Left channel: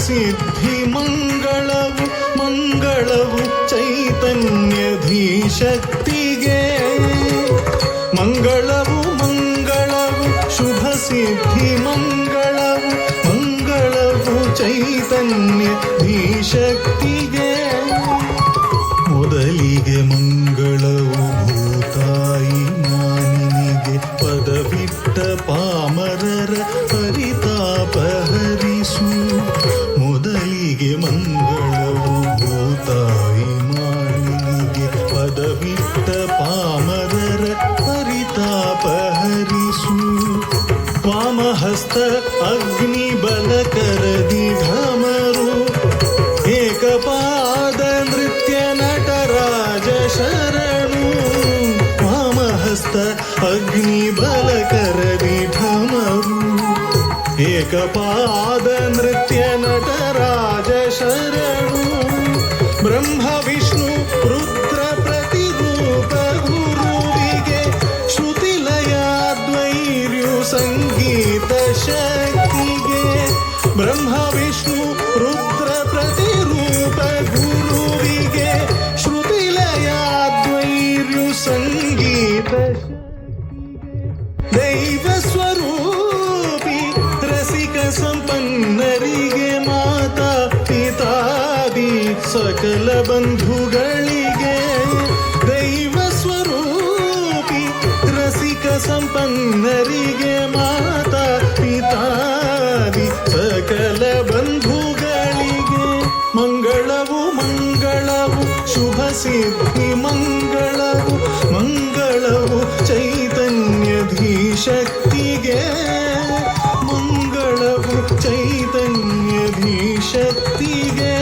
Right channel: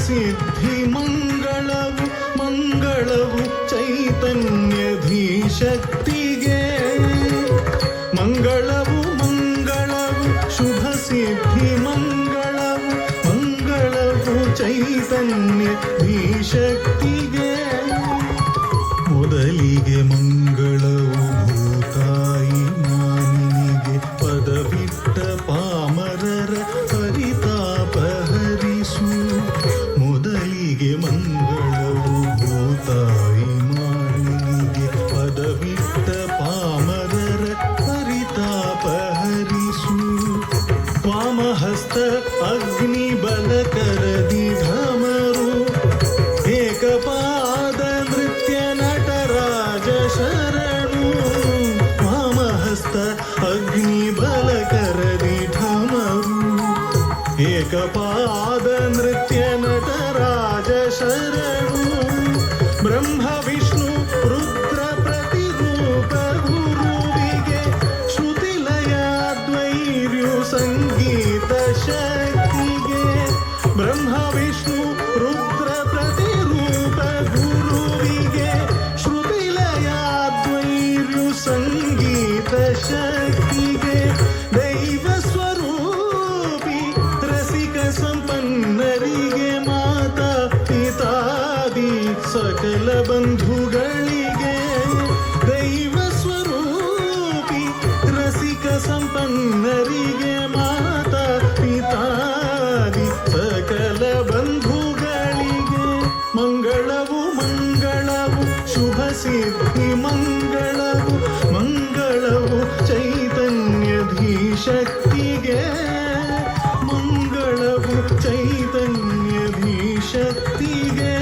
ಸಿದ್ಧಿ ಮಂಗಳವು ಮಂಗಳವು ಚೈತನ್ಯಧೀಶಕ್ತಿಗೆ ಮಂಗಳವು ಮಂಗಳವು ಶುಭ ಸಿದ್ಧಿ ಮಂಗಳವು ಮಂಗಳವು ಚೈತನ್ಯಧೀಶಕ್ತಿಗೆ ಮೊದಲಿಗೆ ಮಂಗಳವು ಭೂತಾಯಿ ಮಾನಿನಿಗೆ ಪದವಿಟ್ಟ ಪಾಮರರ ಪರಿತಾಪ ಹರಿಸು ಮೊದಲಿಗೆ ಮಂಗಳವು ಭೂತಾಯಿ ಮಾನಿನಿಗೆ ಪದವಿಟ್ಟ ಪಾಮರರ ಪರಿತಾಪ ಹರಿಸು ವಾಮಹಸ್ತ ಅಗ್ನಿ ಬಲ ಕರದಿ ಧಮರು ಏಕಪಾದ ನೃತ್ಯ ನಟರಾಜ ಶರಣು ವಾಮಹಸ್ತ ಅಗ್ನಿ ಬಲ ಕರದಿ ಢಮರು ಏಕಪಾದ ನೃತ್ಯ ನಟರಾಜ ಶರಣು ಬ್ರಹ್ಮ ವಿಷ್ಣು ರುದ್ರ ಪ್ರತಿರೂಪ ಗುರುವಿಗೆ ಶ್ರುತಿಲಯಾದ್ವೈರ್ಯು ಸಂಗೀತ ಶಕ್ತಿಗೆ ಬ್ರಹ್ಮ ವಿಷ್ಣು ರುದ್ರ ಪ್ರತಿರೂಪ ಗುರುವಿಗೆ ಶ್ರುತಿಲಯಾದ್ವೈರ್ಯು ಸಂಗೀತ ಶಕ್ತಿಗೆ ದೈವ ಸ್ವರೂಪಿ ರಸಿಕ ಸಂಪನ್ನರಿಗೆ ಮಾತಾ ಪಿತಾದಿ ಸಕಲ ಬಂಧುಗಳಿಗೆ ದೈವ ಸ್ವರೂಪಿ ರಸಿಕ ಸಂಪನ್ನರಿಗೆ ಮಾತಾ ಪಿತಾದಿ ಸಕಲ ಬಂಧುಗಳಿಗೆ ಮಂಗಳವು ಮಂಗಳವು ಶುಭ ಸಿದ್ಧಿ ಮಂಗಳವು ಮಂಗಳವು ಚೈತನ್ಯಧೀಶಕ್ತಿಗೆ ಮಂಗಳವು ಚೈತನ್ಯಧೀಶಕ್ತಿಗೆ